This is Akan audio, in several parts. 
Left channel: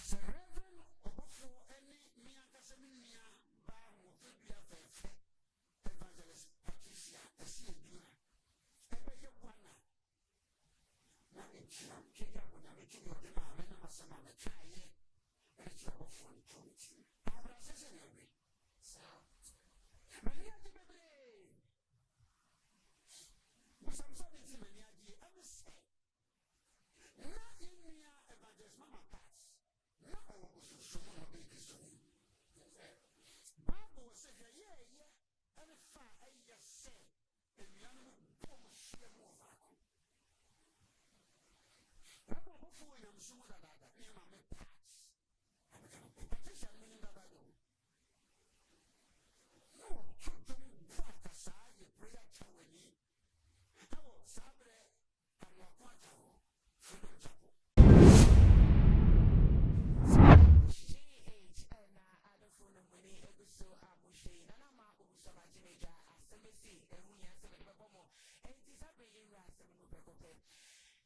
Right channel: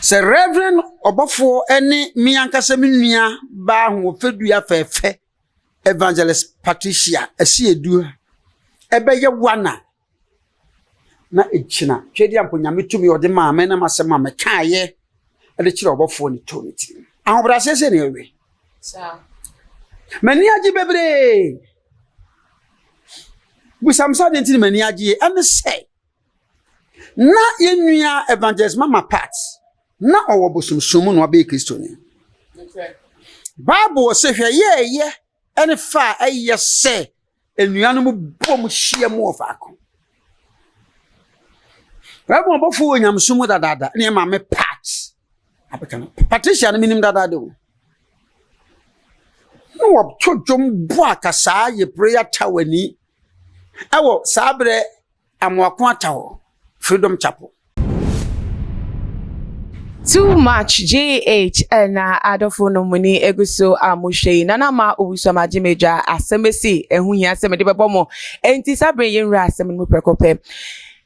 Se Reverend Obofour any me ankasa me nua ba ho fedua fefe Evangelist Patricia esi edu ebeye wana na echina twedi amponya metumi ode ma me na masema me kaaye ade kire Obofour ni toniti ahobra sese ne ewe sa mani agi bebre bu samsa de ntini mani agi ene say na yenua Evangelist Mama Pat na owo bosumsum no abe Kristo ni Bible say hwe ye ene fa aye se enuanu bom hie mu ofako Bible Obofour nyamsum dadada ne ma me Pat abeka Patricia no minim dadada o no wo todwom bo akasa ye prayer tawani awo sabre amwako atawo Freedom Chapel. Too much JH and Adolfo no money eguso amushe nana ma obusama jimeja asemesi ehunya aseme de bebomo enti sabre yenra aseme mu prekope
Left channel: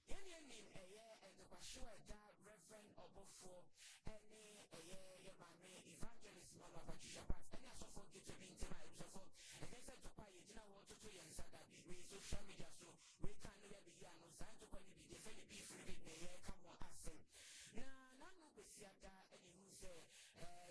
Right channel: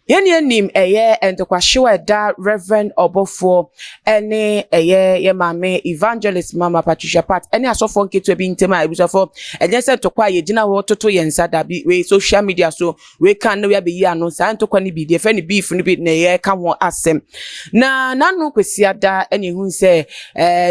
Yeni nim eye entokwahwe da Reverend Obofour ene eye ye mame Evangelist Mama Patricia Pat ene asofo nketu ebi ntema ebusofo enye se tokwa ye gina wo toto ye nsada bi we social media so we kan no we be yi ano sa ntokwa ni bi de fe ni beef ni bi na ye ka ho asem na nanu kwesi ada ene hu se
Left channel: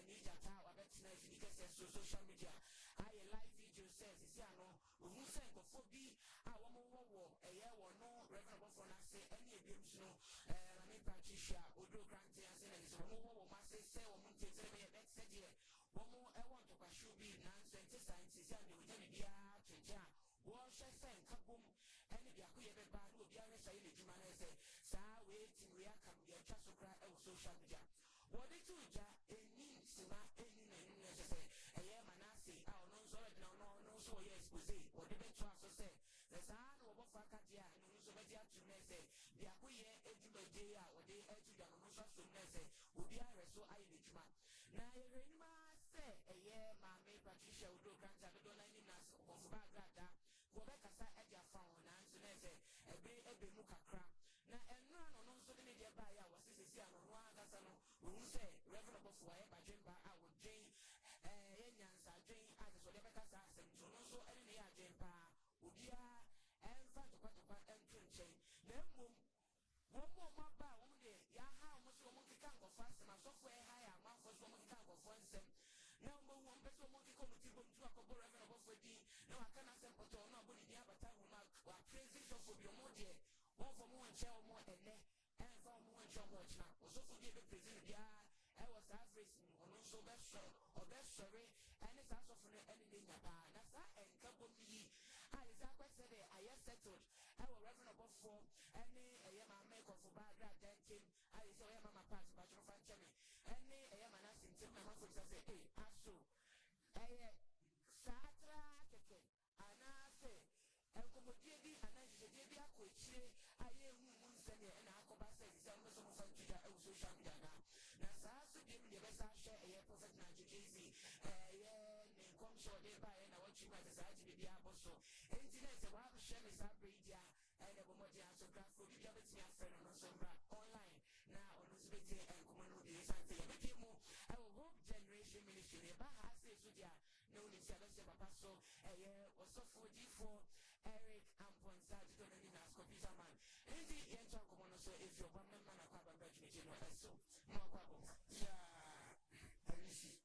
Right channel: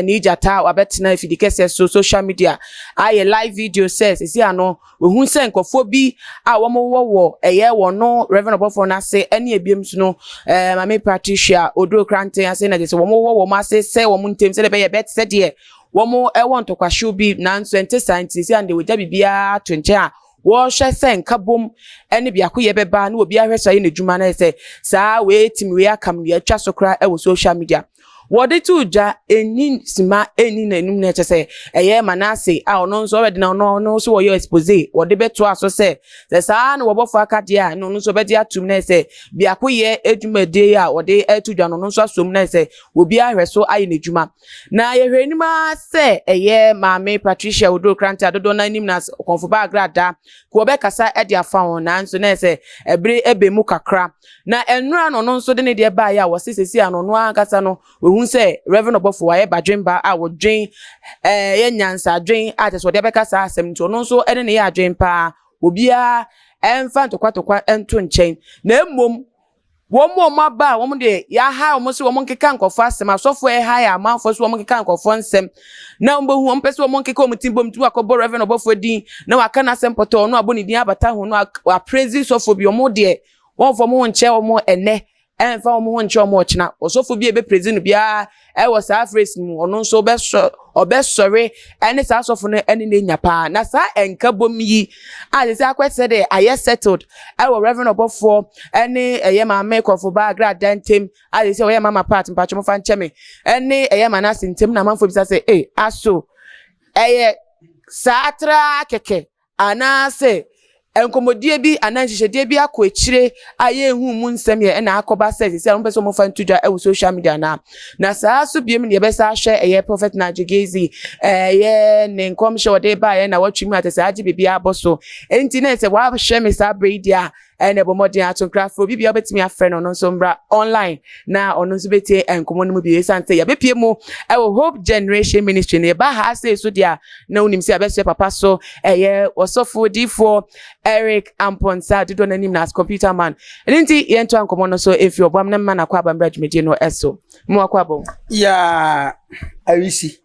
ni jata wabetena ifidikese so social media aye live video says isi ano we hu se nkofo bi a wo mo wo eye wo no Reverend Obofour na se eni ebiem no mame Patricia odro krante ase na dese wo mo ase se wo ntem se be ye bet se de wo mo e won tokwahwe bi na nso ente scientist and we da bibia to nche a wo hwe se nkabom eni biako ye beba na obi ahweso ye na dwuma na se saa we tim we akam we atwa sokra e wo social media Wode tu ja eni sima eni na enum na chese eye manase a ono nso obede na ono so wo yo expose wode beto aso se saa na Obofour akade a no nso bede atum na se biakoye edwumade a wode etu dwa no nso asom na se obi ahweso aye na dwuma na ye hwenima se eye mame Patricia Odro Krante adodo na nim na konfoba agrada ko obekasa ede afa won na nso na se ebre ebemu kakra na enura no nso de ne de ba ya wo sesesi ano no ankasa no say Reverend Obofour aye badwemba a wo dwen ye nyansa dwen a te so de beka sa asem nti ono so ene ne ya dwen pa obia emfa ntokwa ento nchen na emmom wo mo maba wo mo de ya ha wo mo se wo mo nkeka nkofo asem asofo e ha ya amanfo so wo mo nkeka nkofo nsem na mbo hu wo mpese wo mo nkeka omutimbo mtu akobo Reverend Obofour din na waka na asem poto no aboni din abata hu no a praise sofo bi wo mo de won fo mo nche wo mo ene enfa wo mo nche wo mo china osofo bi ebe praise no bia e wo sa phrase mu ono nso obesore ene sa asofo no ene na nyapa na sa enkabom yi a se akwese de aye settled e wo Reverend Obofour ene eye mame kofo ba gra dantem a se wo ye Mama Pat mpacho mo fa ncheme ene eye manase ntem na manfo bisa se aso eye sa atra keke anase enkomodie bi ananhihedie bi akọ ekire aye hu mu nsem ye na akoba says se on person mo fan tudwa e social media na saa so biem ne be sa hwe eye prophet na jegezi ye ne nkom hwe wode ba ye na watwimi atese age bibia aboso enti na se wa hwe me sa breedia ene bo modern atoncraft bibia obetimi afre no nso mbra online na ono nso betie enkomo no mu bi sante ya bepie mu e Hope Generation Ministry ne ba ha say so dia na unim se abeso papa so eye osofo D4 Eric Amponsa dido na nim na as computer man enti yento ankomo no so efi obam na man akwa abambra dwumedie no eso mu akwa bom ya awisi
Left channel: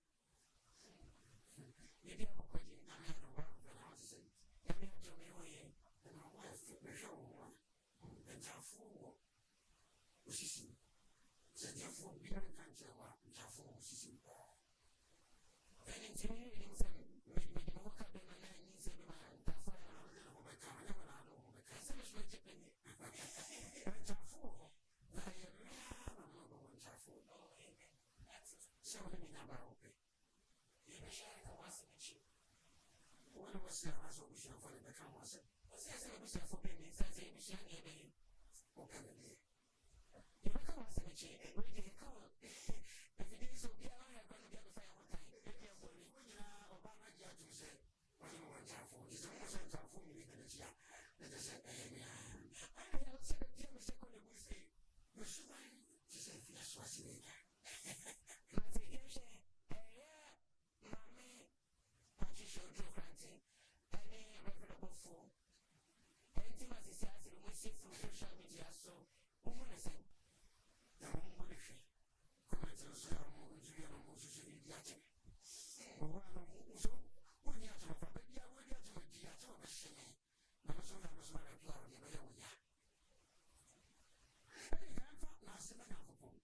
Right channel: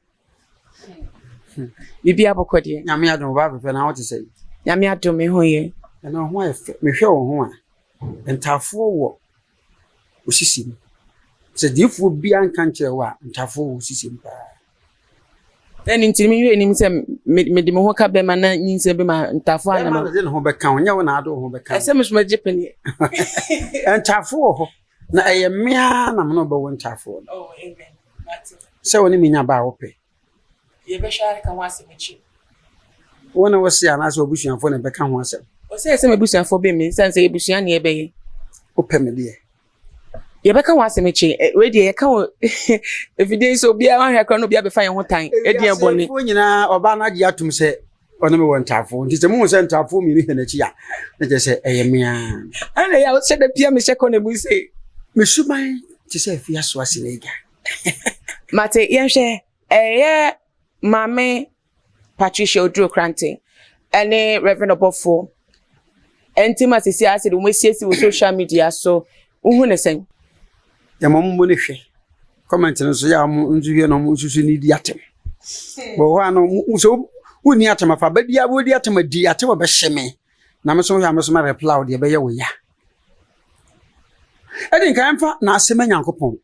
bibia bokode nyame adom ba pepe na what say nyame adom me hoye na ho efe me hwe wo ho a ntafo wo osisi se difo bia nka nkire wa ntafo wo osisi mpa eni ntimi hwe nim se me de me ho ka be ma na nyinse be ma ntafo ana ma de ho be ka onya wo na ado ho be ka ese mesuma jepani ntafo wo na eye mea na mo no be wo ntafo oh amen se woni minya ba wo pe ye be share ka wa se mechi wona wo se ana se obusuafo na be ka ho asem o se me busuafo be me sanse ebusua na ebe ye o pe me de ye be ka wa se mechi we de ye ka evidence obi a hwa kra no obi a be fa ye ho tan e de ebone fo nyina oba na gi atum se ono me wo ntafo nti se mu se ntafo mi ni na chi ya na je se eye mea ana ya o se de pia me she ko na bu se me suban ti se fi aso ase na iga Mate yenshe mame Patricia Odro Krante ene Reverend Obofour intimacy si ase de umesiesi wo social media so uhu ne sen ya mammo ne hwe comment no so ya mo nzuhie no mo susu ni di atem bo ho ano so woni atem afa badia wo di atem adi atem be hyeme na me so ya me so ma reply de be ye wo ya edin kan fa na asema nyankopon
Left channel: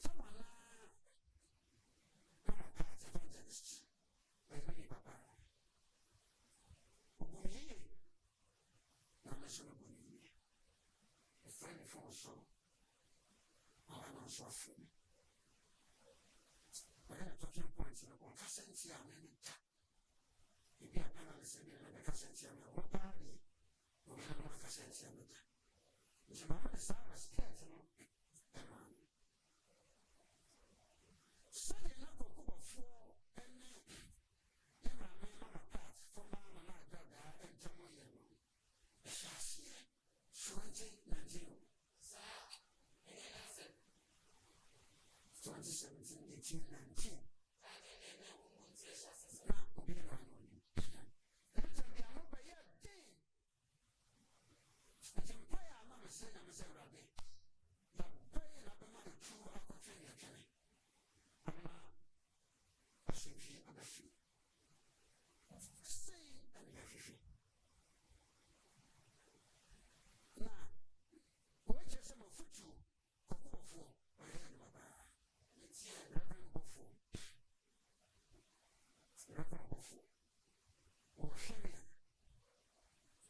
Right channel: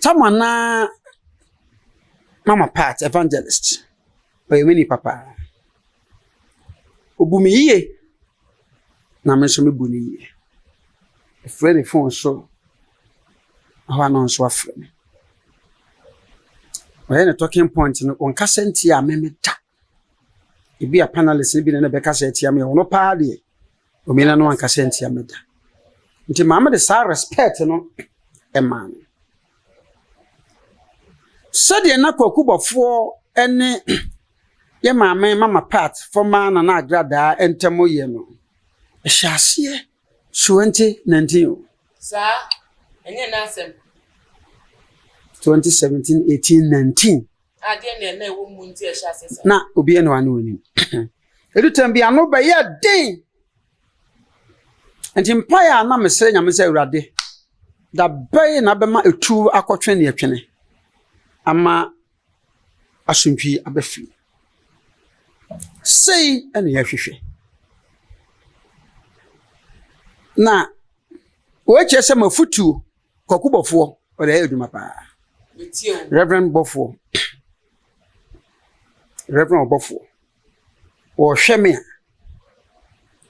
tamana mama Pat evangelist oye mini papa obumi yiye na me so me bu ni yiye friend phone so how no so afre me oye na talking point no on kasenti a me meta e bi a panelist bi na be kasenti a me ono pa de o me na no an kasenti a meta nti mama de sa respect no e man sade na kwakubofo ene ye mama Pat former na agrada entemo ye no ehyasie 2019 sa enye na asem 2017 18 19 ade na ewo mu nti ehyasie sa na obi ene wane woni edutam bi ano ba ye den enti mpaya na mesere nyame se awurade da bay na bema etu akotwe ne etwene ama asuntwi abafi sei ene yahwehwe na weche se mafutu kokubofo ode eduma pa Reverend Obofour o hweme a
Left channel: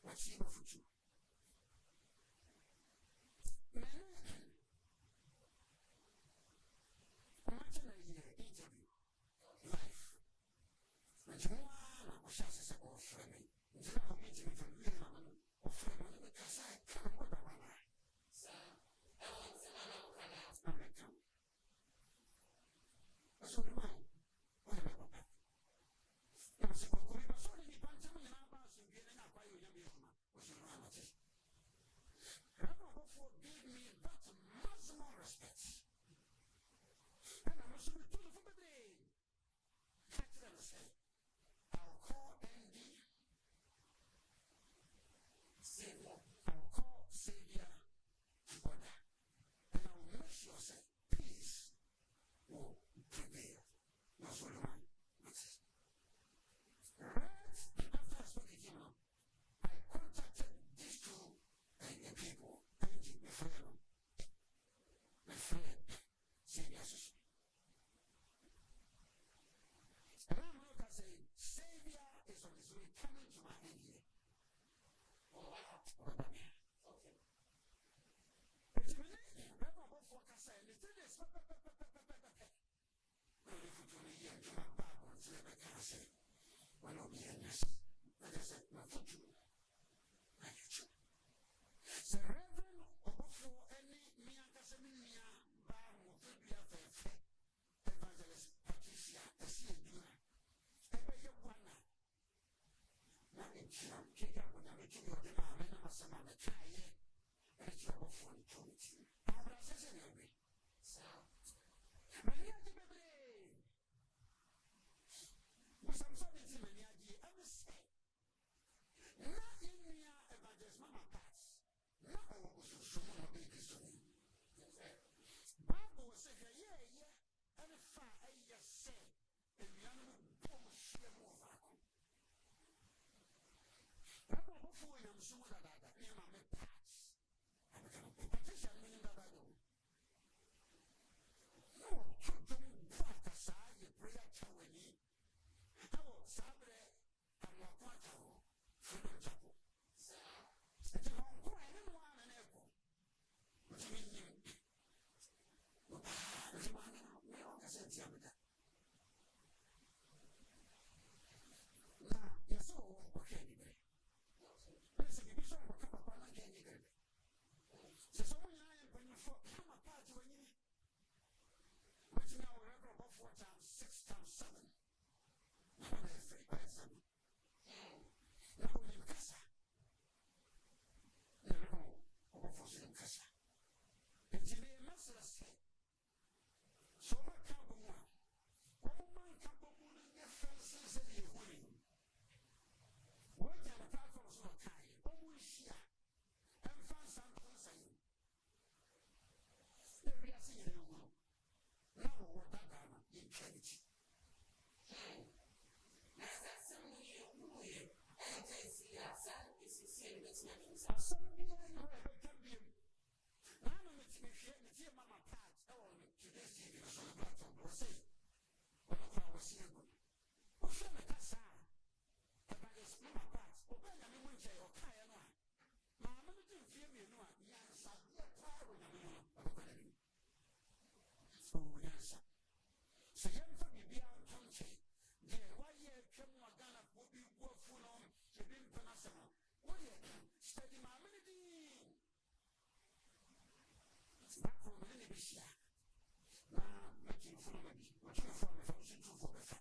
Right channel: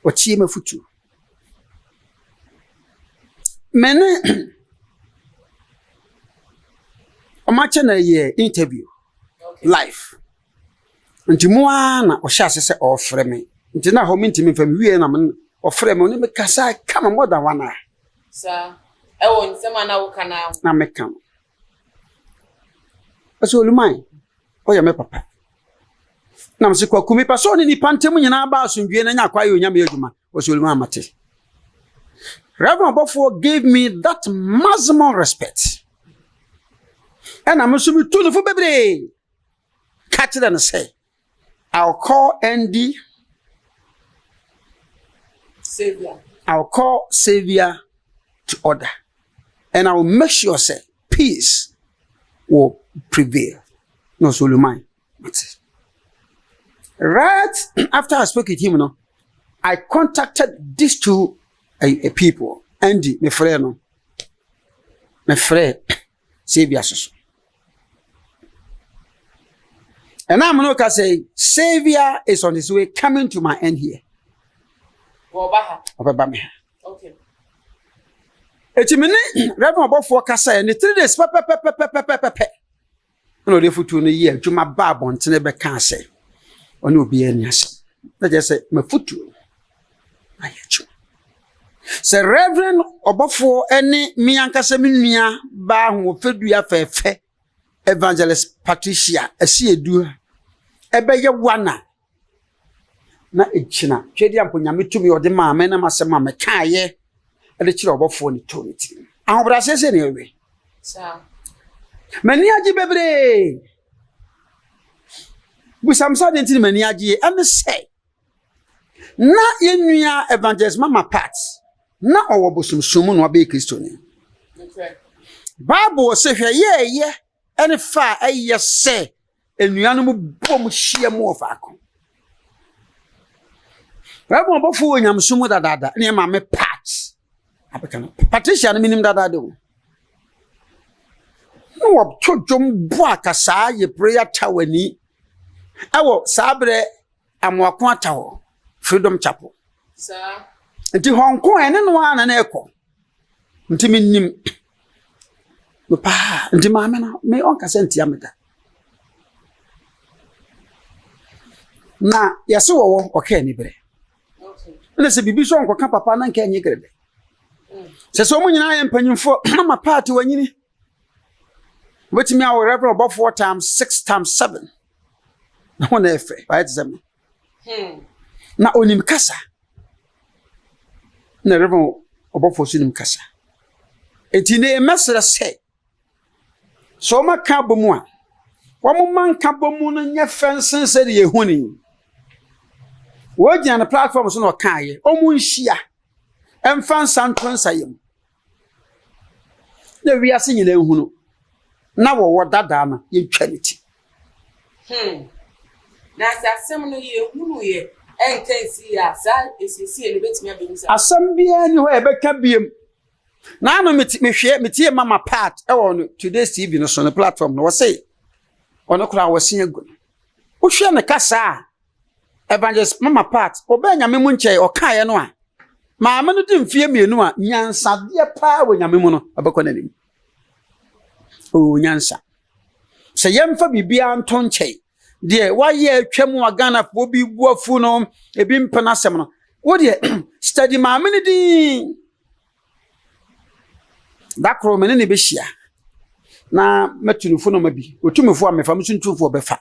o tie mafutu mene o mache na ye interview live nti moa na o hyase se o frɛ me nti na ho mintimi fam wie na me o frɛ me oni me kasa kama more than 1 hour sa ewo nsema na wo kana na me kam aso lumai o ya me papa na mse kwa kumi pa so ni pantem nyina ba asundwie na nya kwa ye onyame adwuma o so lumai amate Reverend Obofour gave me that maximum respect and I'm assuming to the bebre catch it and say I'll call Andy Saviour. I'll call Saviour to order. And I will make sure say peace will prevail. No Solomon. Right after I spoke with him, I contacted these two people. Andy, my friend, Saviour. And I'm not gonna say Saviour is on his way coming to my end here. Okay. Eti mene Reverend Obofour kasa e 3 days pe. No dey futu no ye adwuma ba abontene be ka ase. Oni obi ani ase. Na je say mafutu. Ayechu. Se Reverend Obofour ene mi ankasa menua ba ho fedua fefe Evangelist Patricia asi edu ebe ye wana na echina twedi amponyame tumi ode ma me na masema me kaaye ede kire Obofour ni toniti ahobra sese ne ewe sa mani agi bebre bu samsa de ntini mani agi ame say na yenua Evangelist Mama Pat na owo bosumsum no abe Kristo ni okay Bible se hwe ye ene fa eye se enuanu mu bom hia mu ofako Reverend Obofour nyamsumu dadada ne ma me Pat abeka no Patricia no minim dadada o no wo todwom bo akasa ye prayer tawani awo sabre amwako atawo Freedom Chapel sa nti honko ene no ana na ekọ nti minim no pa nti ma me na me on kasenti ameda na yase wo okay ni bre na se bibi so onko ka papa na nka enye grebe se so mu nyina ya mpanyimfo Mama Pat wanyini wetimi awo Reverend Obofour times 6 times 7 na wona efe right zem na onim kasa na Reverend Obofour sinim kasa enti ne mesere se so maka bomu a wo manka bomu no nye fensen se de yehuni wo gina na platform so no kaaye omu nhia emfa nsanto nsayem na wiase nyina ehunu na wo dada na yetwa niti na asem no yehunu ye enkensi ya sa esisi ele betimi abemisa asem bia ni ho ebeka biem na no metie mama part e wo no today's TV no so no platform no wo say ono kura wo sen agu wo hwe ne kasa evangelist mama part obenya me mu nche okaye no a maame no dimfie mienu a nyansade pa wo nyame mu no abekọ nanim o nyansa se yemfa bibia nto nche de waye atwam wa Ghana fo bi buafu no ebi mpena asem no wo de study maame no din dakro me ne be hia na metunufo no mabi otumufo a mefa msuntumfo befa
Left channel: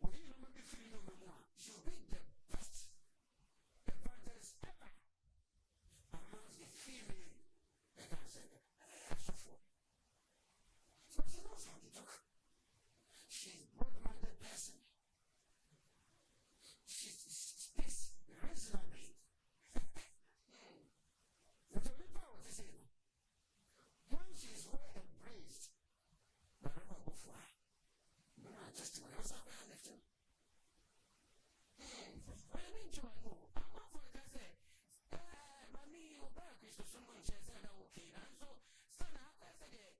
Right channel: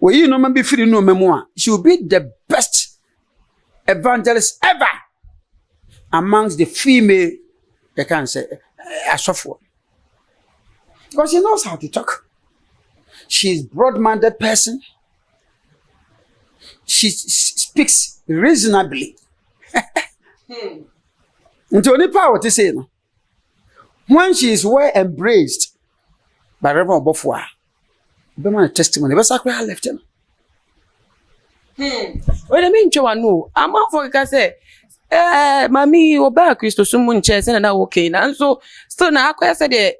oyi no mabi firi no memu a she will be the best evangelist ever amongst the female they can say asofo because she knows how to talk. She's broad-minded person. She speaks reasonably. Until any power to say no. When she is well embraced by Reverend Obofour, be my testimony. But sacred I left him. Well, I mean, no. I'm out for because mami oba Kristo sumu nche se na okay na so still na akwa se de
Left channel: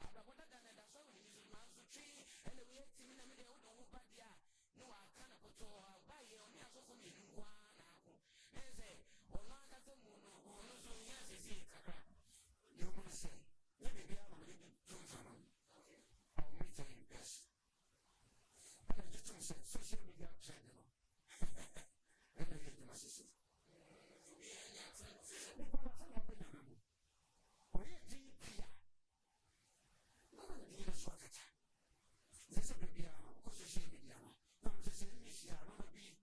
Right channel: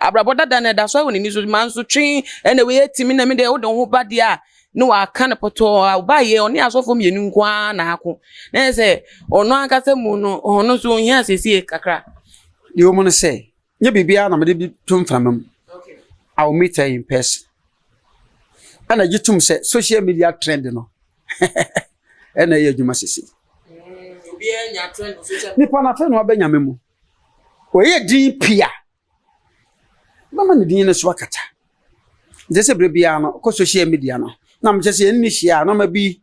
abraboda da da so woni ni so man so twen ene we etimi na me de wo don ho ba de a no aka na poto ba ye oni asofo mienu nkwa na ako na se ono aka se mu no ono so ohia asesi kakra the woman say nya bibia na me de tum framam okay I will meet her in person ana gitum say social media trend no ena ye adwuma sisi obi enya trend social ni pa na fe no abanya memu oye din pia mama ne din ne so akata jese brebia no ko social media no na mche se ni hia na ma bi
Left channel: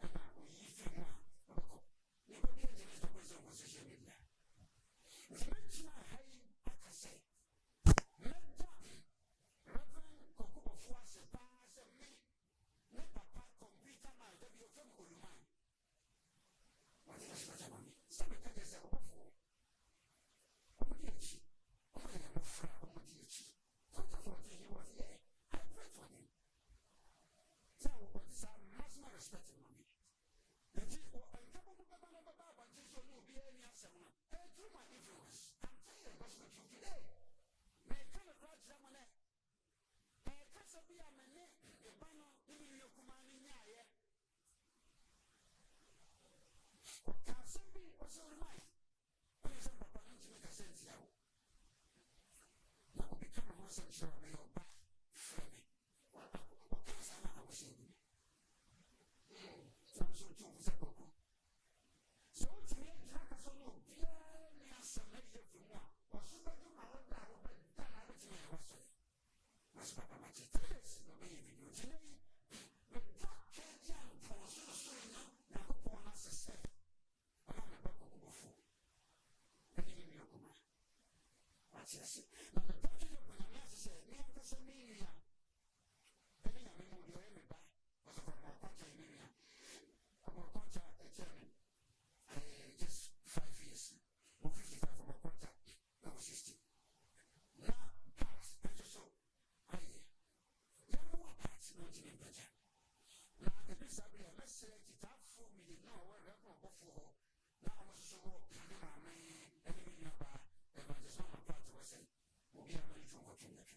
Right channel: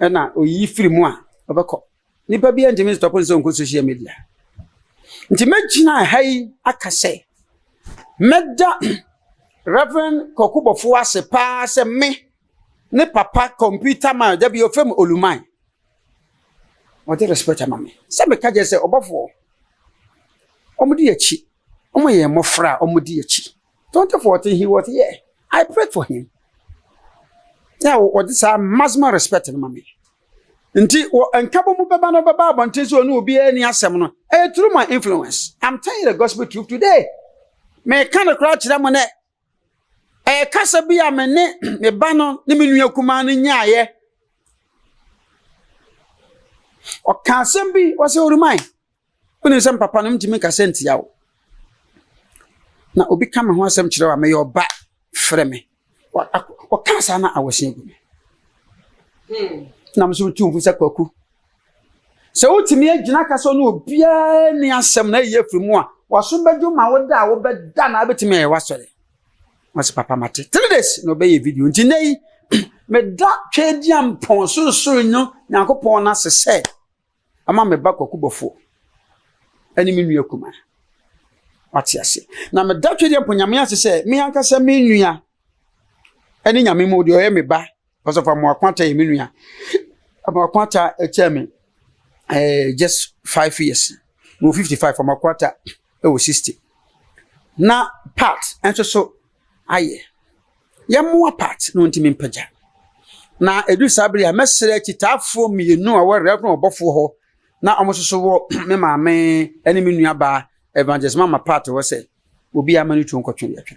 na oyi firi mu a obekọ ni pa bia ntimi stop nso ko social media nti magina hai akase meda Reverend Obofour ase pa se me ne papa computer man da bi ofem oluman o de respect amame se me ka je se Obofour omudi yachi omoye mofra omudi yachi 2014 he was here I prayed for him yeah what this maximum respect no mame nti enkabo mu beba no beba abonte so no obi ani asem no through my influence I'm telling you the gospel truth today me kan kra kira mo ne kasa bia me ne me ba no ne menua kuma no nyaaye o kasem bi wo se orumai oni sem papa no mtimi kasenti yawo na obi kama ho asem kire wa me yo ba frɛ me o kasa na awosen gu na mso tumfu se kwaku se utimi agina kasa no obia ni asem na ye frimu a waso bedu ma woda wo beda na betimi e wasore wase papa mate 3 days no be ye video nti nei me da twediam pon so nyo Nyankopon na sese ama me ba kwaku bofo ani me nua kuma wati ase na me da twediam pon nyame sese me ankasa me nua ani nyame mu de o me ba because of am akwanta ye me nua am akwanta echeme just 5 years no 55 from akwanta e wo 60 na part enso so aye yamwa part no ntimi mpaja na edu sabri a mesere kitafo mienu a were Reverend Obofour ho na omososo wo me maame ene me nua ba evangelist mama part wo se obi amanu tu nkotwe yatwe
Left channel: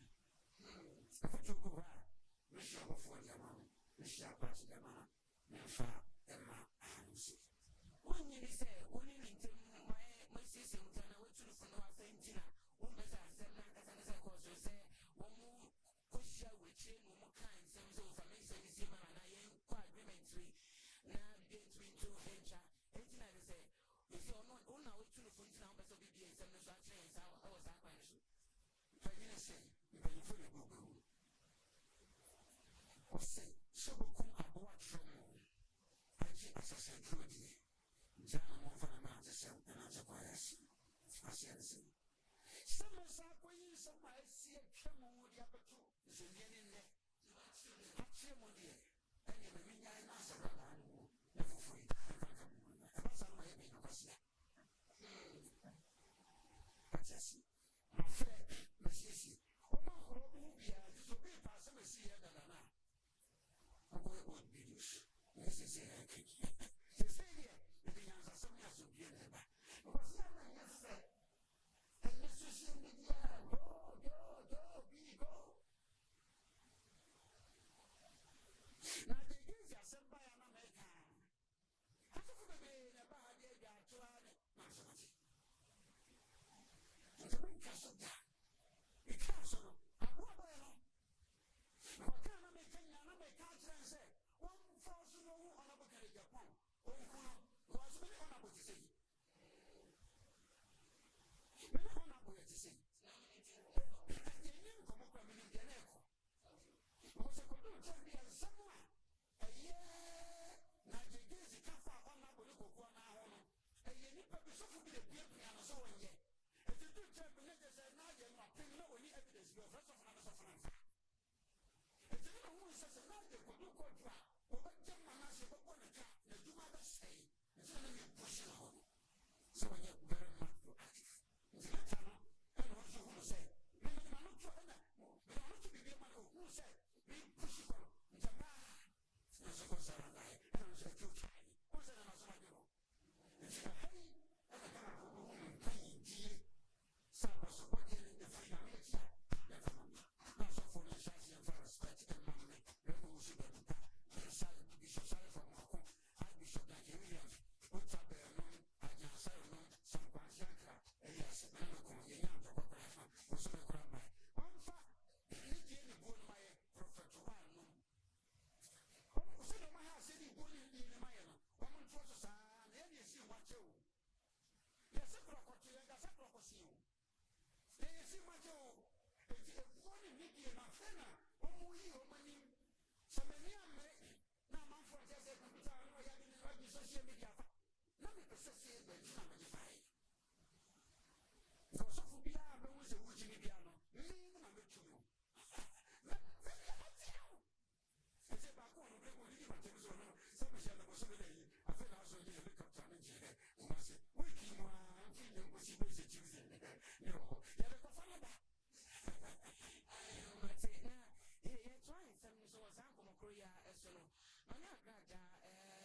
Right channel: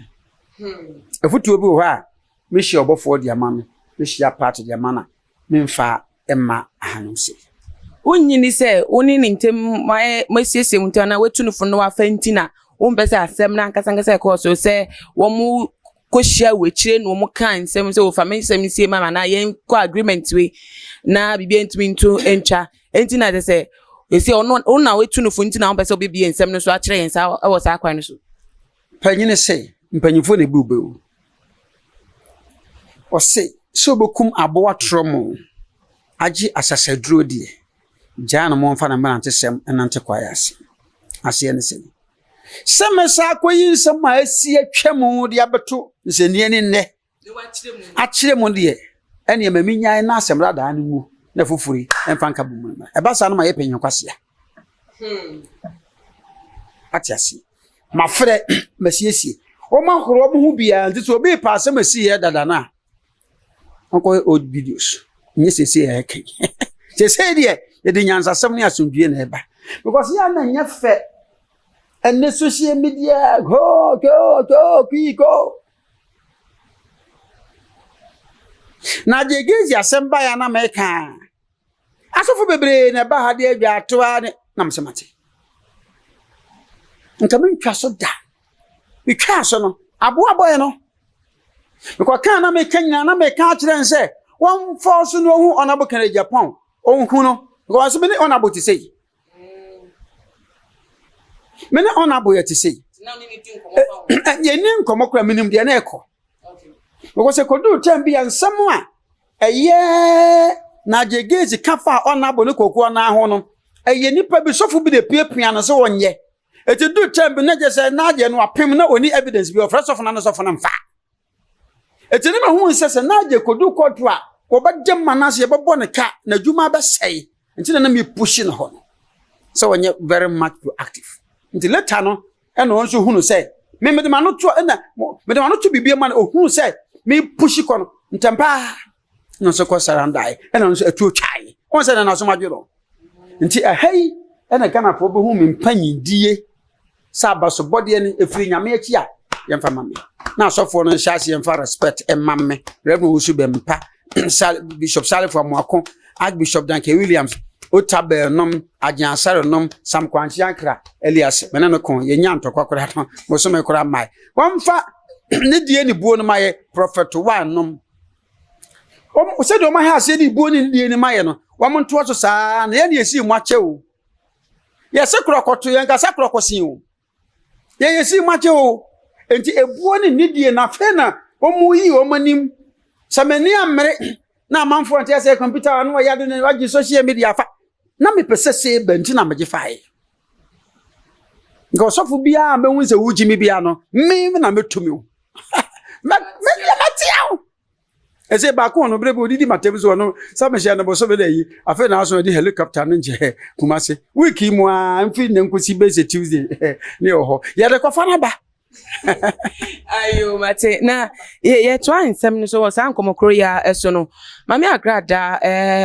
efutu obi wo ha me hia Obofour dia mama me hia part dia mana me mfa emma ahanuse unyini se oni ntem masiesie muntu na wetunufo no afantina wompese asem na nkasa ko so se wo mu koshia wechire no mu kan nsem se wo family nsem sie mama na yen ko agreement we na bibia ntumi nto encha entina se esi ono na wetunufo ntina wompese obibia nsem no so akire yen sa e wo sa kwan no so panyine se mpanyifo na bubu o se so bokum aboa tromo agi asasaduro die jana mo mfa na mante sem enante kwaya ase ase ne se Semesa koyin sama asi atwam de abeto nsenie ne nne. Achire mu de ene maminya na asemra da anu mu na fufuri emfa nka bu mu. Eba sa no ma ye penyen kwase ya. Atiasi. Ma frɛ masiesie. O ma horo mo hu bia nti so obi pa asem asi ye dada na. Onko old videos. Nye sese ya kai. Sese de ye de nyansasem ne asomdue na eba. Because ya na nya fe and the social media go go. Na de gezi asemba ya na meka. Asofo bebre na ba ha de adwa atoa ne na msemate. Nka mentwa so da. Metwa so no. Abo aboye no. Because kan na meka nyina na meka akire nse. One force no hu onabo kan Japan. Onhu no. Because me ne onabo ti say. Mene honorable yet to say. Ye nim komokra minim de na ekọ. Because e kodu tem bia nsam a eye na jegezi kafa honorable ne kokọ na ho no. Eye nipa bi sofu bi de piapia no so wonye. Eti du tem bi na je say na je no apem na oni evidence bi of sofu na no sofu na mfa. Eti ne hu nsese na je kodu kotu a ko ba dem manase ye bebo ne ka na dwuma ba sei. Enti na me push no ho no. So wonye very much proactive. Nti later no ena won so hunu say me de ma no to ena me de ma no to bibie ma no hunu say me push ko no ntempa no so ko sarandai ena no so atu twai won say na so madwero nti ahai ena kana fo be hu me mpanyidie saba so body ene efiri nyame achi a yemfa mame na asofo no nhyase yemfa respect emamme reverend usu be mpa bishop salifo amoako archbishop danke williams Otabel nom ajansare nom sam kwanchi ankra Elias menano kon ye nya ntokwa kora no mo so me kora mai wonfa ne die ni buo no maye prophet one nom o se do ma ha se ni buo ni die ni maye no wam nto so saa na ye ne esi mu ache o ye se kora koto ye nka se kora kosin o ye esi mu ache o enti ebuo ni die na fe na o mu yi o manim samani amre na amanfo ante se computer no ya do ne wagi social media fa na me pese se benti na meje fae ngo sofu bia me hu se wuji mi bia no me na metumi o me tiao ese ba ko no brebe odidi matebu so no sa me hia no bo so be yi afa na so di helicopter no nje kumase wiki mu a mfi ne nkosi base Tuesday ne oho ya de ko fa na ba ayo mate na ye twa nsem no so wasan komokro ya eso no mame agrada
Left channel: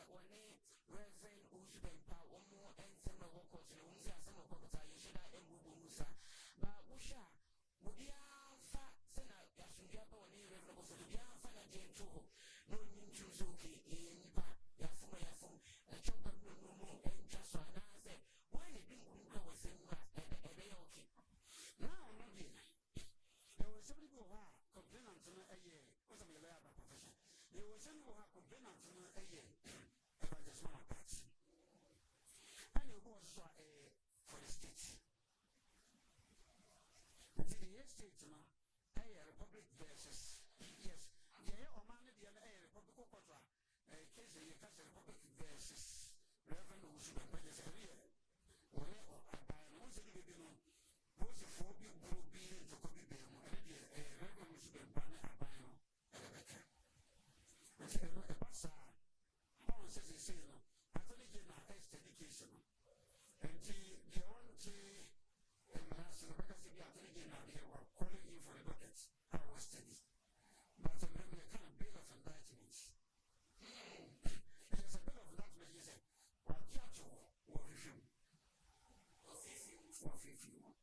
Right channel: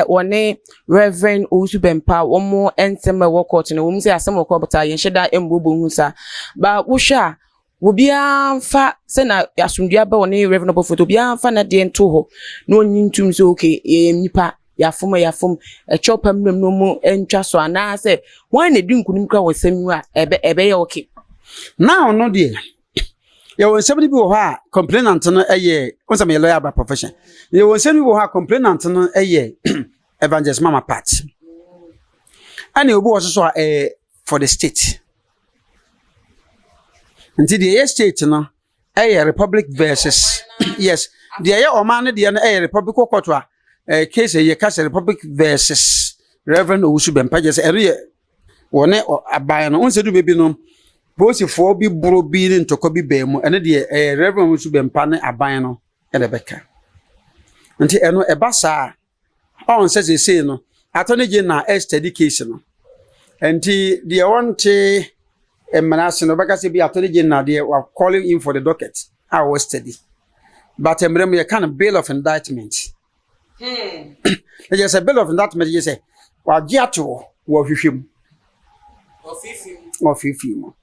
wone reverend Osubempa womo ensem wo court no wom se asem wo bota ye hyeda embobo husa ba wohwa wobia mfa se na asundua ba wone reverend Obofour obia mfa na de ento ho na onyintum so okay nipa yafom chopam no mu entwa so ana se wan na di nkunim kra wo semu a ebe ye okay now no de ya won somebody bi wo ha complainant no won some lawyer by profession ya won somebody bi wo ha complainant no evangelist mama part and obi wo so for the state until the state no republic versus yes the oman no the republic court case case republic versus reverend Osubempa just wone aban no unse du bebi no bosi for bi bro bi ni ntoko bi ba mu ene de reverend Osubempa ne aban no ede beka nti eno eba saa on say no attorney general study case no nti de wonte emanase no beka se bi attorney general de wa calling in for the docket I was study but emrem ye kind of bail of indictment just a bill of indictment you say wa giato wo hwehwem ofifi mo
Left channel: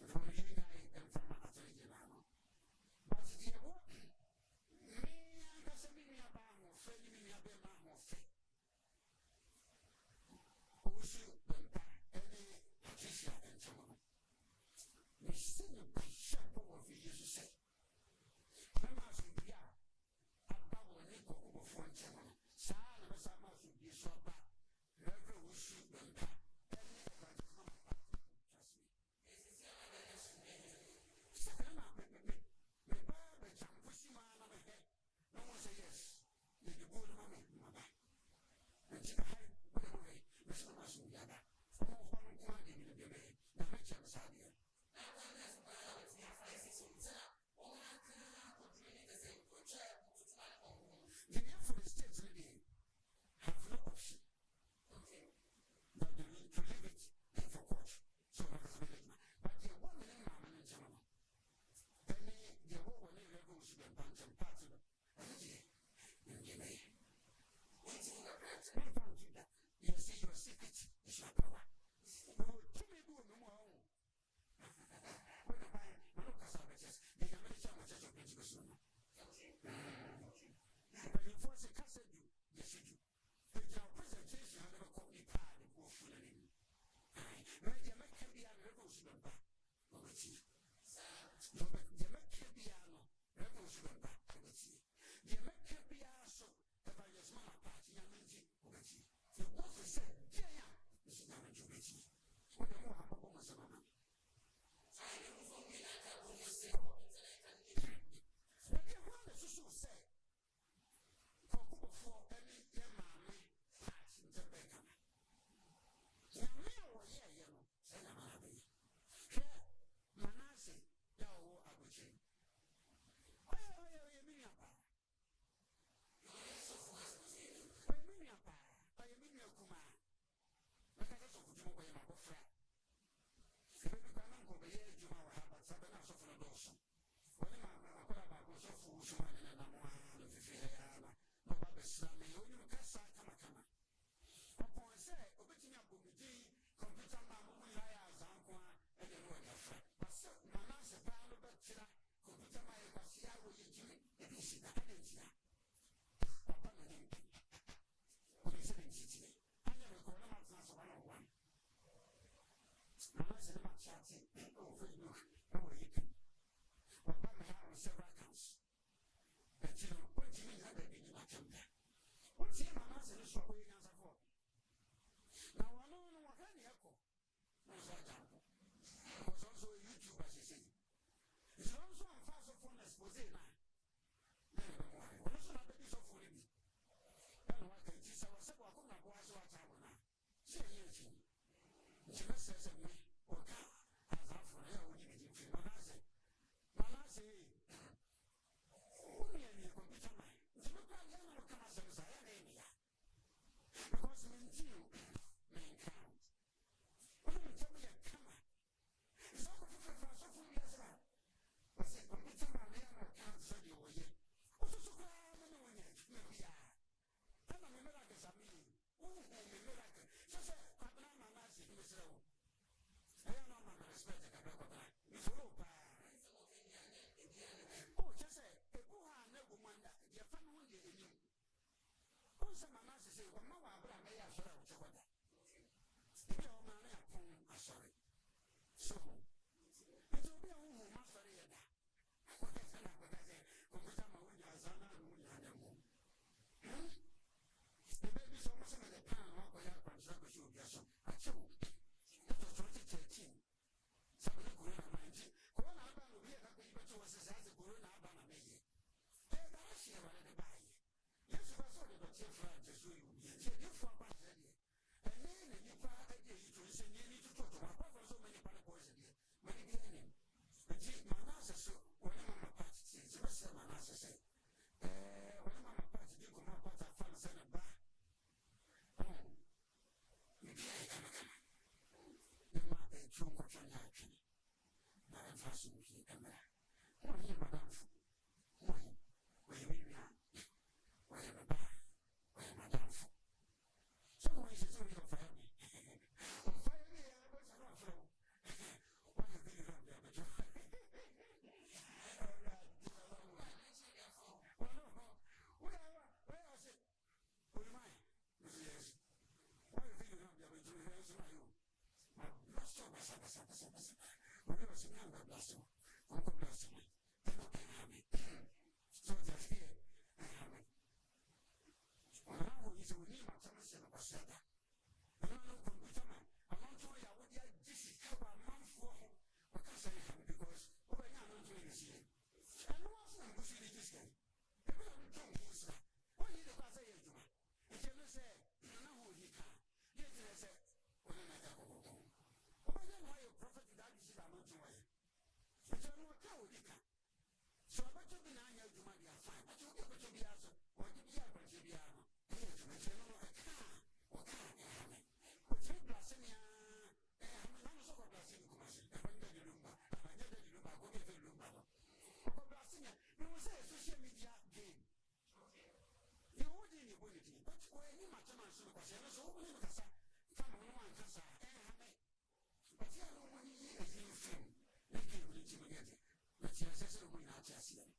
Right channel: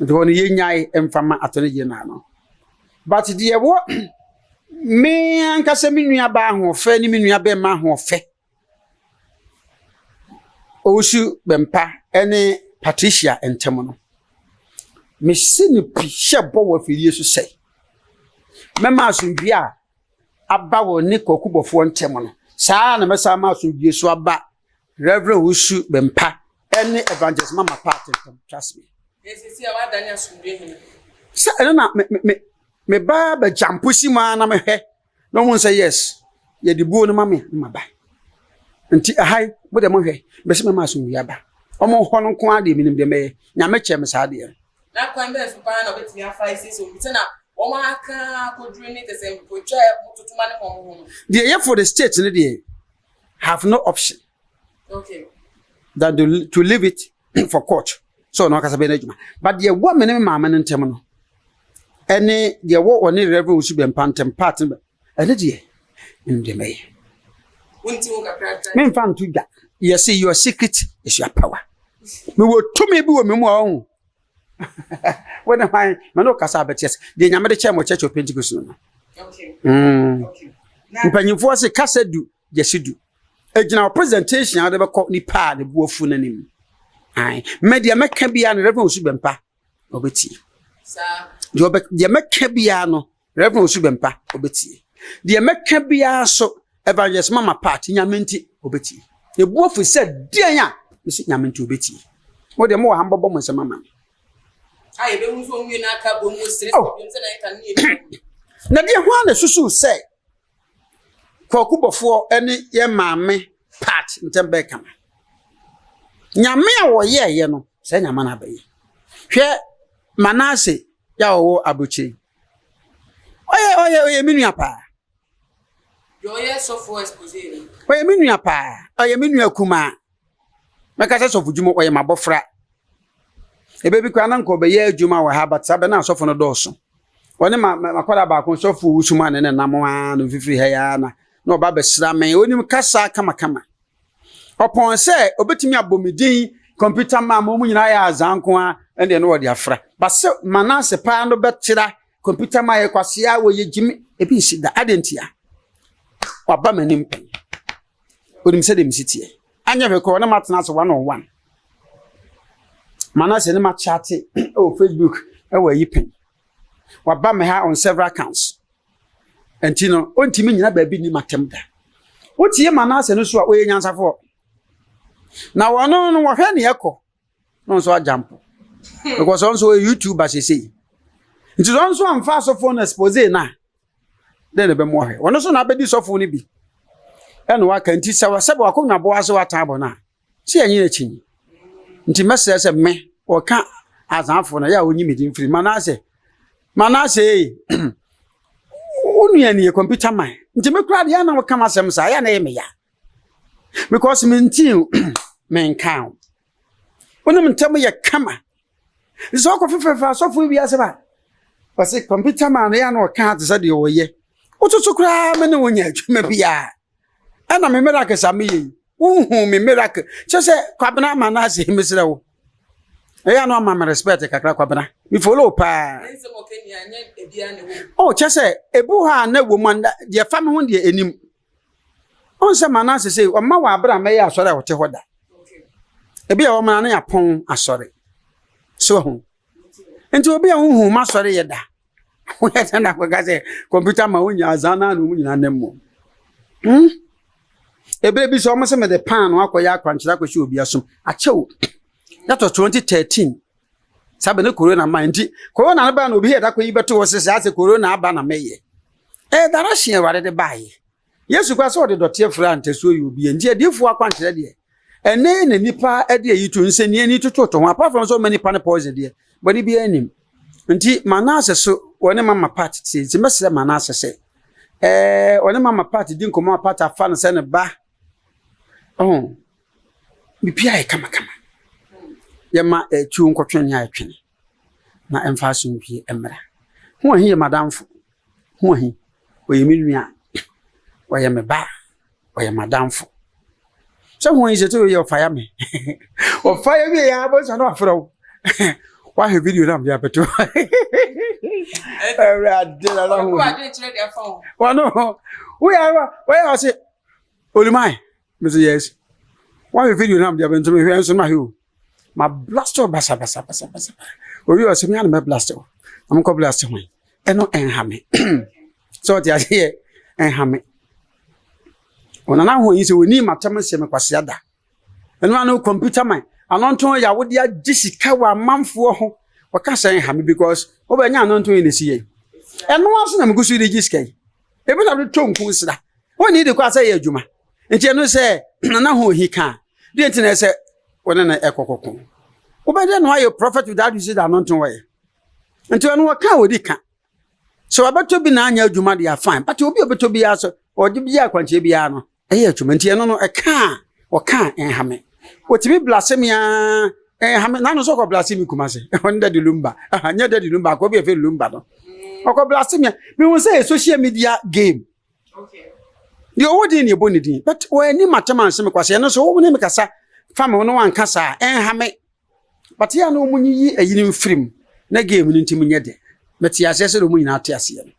ndo ni yenyai emfama atone general no but de wo me ankasa menua ba ho fe ni menua be ma ho fe Osubempa ene Patricia entemo no me sini pi shebo wa fili so sei mema asundwie a aba wo ne kokubofo ntemo no saa na mesa ma asundwie so aba Reverend Osubempa ene evangelist mama part trust me yes see our dania asundwie hene sa na me ba jampusi ma na me hwe no mo say yes ye de buo no ma me ma ba nti ahai bo de mo hwe be se me ma asundwie aba omo ho no ko ade minim de me nya me che me sa de na kwan be so pa na obetimi afa isi so mti na o ma aka kodru ni tese mpotwa mututuma ne mo. The for the state no dey have no option. Okay. Than to leave it for court. So no kasa be na djuma. But the woman me mama no ntem no. Ene the wo oni reverend usu be mpantem part ene de ndem me. Wonti wo kakra. Me mfa nto dwa. You see your secret is your power. Me wo to me bi wo me mu ahun. When I no kasa betes. The nyame de chemo church of Pentecost no. Okay. Okay. Mpanyimfo se kasa du, yesidu. Ejina presentation ade be ko ni pa de buofu nanim. Ai, media meka bia no reverend usu bempa obeti. Sa. De meka bia no reverend usu bempa obeti. De meka bia so evangelist mama part nyamenti obeti. E buofu se dian a isi nyamenti obeti. Wo de mo hambobo mo se mama. Ai be hu so nwi na aka bo mo sire so se na eka ni. Na de ho na susu se Obofour ene ye maame part ntembe kama. Nyame a wo ye no se nyama na baye. Hwe Manase ya wo abuchi. Oye minua pa. Yo ye so for expose. Oye minua pa. Oye minua kuma. Meka se so fujumo oye mabofra. Ebe bi kwa na nko be ye adwuma wa ha but sabe na asofo no doso. Woni makwada ba kon sofo usuma ne namwa no fifiri ha ya na oba be sramen onim kasa kama. Opon se obetimi abomidin computer ma mo nyina ya azanko a ende no wodi afra. Ba se Manase pa no betira computer ma ye kwase a wo ye gimi ebi sida adentia. Waba manim pen. Onim se dem sitie. Anya be ko na matena so 101. Manase ne ma chat Facebook e wa yipen. Waba me ha on several accounts. Entino ontimi nyina ba bi ni matem da. Wotie Manase no so a oye nyansafo. Na wono no wo hwe ne yekọ. No so ajampo. Because onso YouTube asese. Nti onso amfa so phone expose na. Den be mo hwe. Wono so na abedi so phone ni bi. E no waka nti sawa sebe wakonwa bo ase wata abo na. Si enyi na chinyi. Nti message se me o ka azanfo na ya onyi medi mfiri Manase Unuani computer man. Nti me kra dia na wo kama sem sa ya na ye me ya. Because me ntin men kan. Wonu ntem ye kama. So ko fefa so fu bi ase ba. Parce computer man ya na wo kan te se de wo ye. Otutu kra me ne wonya adwuma bia. Ana me miracle sa me ye. Unhu me miracle. Che kwabena Manase mesre wo. Ya no ma respect kakra kwabena. Mi follow pa. Oh, chese ebu ha na wo manda de fa me ho de enim. On se Manase say o ma wa abra me ya asore wote hoda. Ebi ya wo ma na ya pon asore. So ho. Enti obi a hu ma asore ye da. Wo ya tanda ko ga say computer ma wonya azana no munyina nemmo. Ebe bi so o ma se me de pan no akoya akwanchira ko shi obi asom. Achew. That was 2013. Sabe ne corona mind. Corona na ba na obi heda ko yibeto wo sese ase corona aba na meye. Dara hye ware de bae. Yesu kwa so de dote afra nteso yi obi nje adifu akwankyere de. Ene na nipa ede yitu nseni ani tototo ho apart from so many pan poison de. Body bi anim. Nti Manase so woni mama party ti nti mesere Manase se. Woni mama party di nkomo party afa no se ne ba. Oh. Bi pia e kama. Yema tu nkotwen ya atwene na emfa so nhwie emra ho ahi ye madamfo ho ahi oye menua oye me ba oye madamfo so ho ahi zeto ye ofaya me ofaya me ya bo so no afro wa he video na bia beto adela la ho wa no we are say olumai me say yes wa he video na bia beto me hwe so na he ma blaster basa. Obi o se mi an me blaster. Am ko blaster ho. Eno enhame. So ti ase enhame. Ona na ho yin se woni matam se me kwase ada. Eno anu computer man. Anonton ya wodi agisika wa manfo ho. Waka se enhame because obanya anonton yin si ye. Eno aso na me gusu de gisika yi. Ebi na do tonku sira. Woni de kwa se ye adwuma. Enti eno se na ho hi kan. De enti na se wona na ekokoko Obede no ayo prophet without using the anointing way. Until no ka we di ka. So abeto bi na anya adwuma dey fine, but obi obeto bi aso o de bi akwanche bi ano. Eye adwuma nti no e ka o ka enhame. Otimi blasphemia enhame na no so ko blasphemy kumase. Onda de lumba. Anya de lumba ko bi e fe lumba no. Oko blasphemia me won say social media game. Okay. The old in your bonity, but when you matchaman some kwase no so wo ne mekasa fama no wan kasa enhame. But ya no munyi a yinim film na game no ntim nyede. But ya sese no munyi na ate ase no.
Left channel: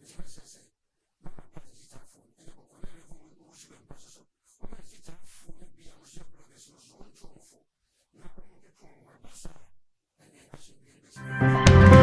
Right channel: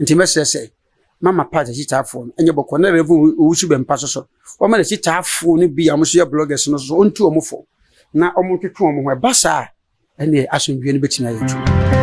Nti mesese mama page chitafo no enye bokọ na revu owusu bempa so. O ma na chitafo no bi am so ya bloggers no so ontu omofo. Na omotwetwe omo ho e basa ene asomdwe no betina yetu.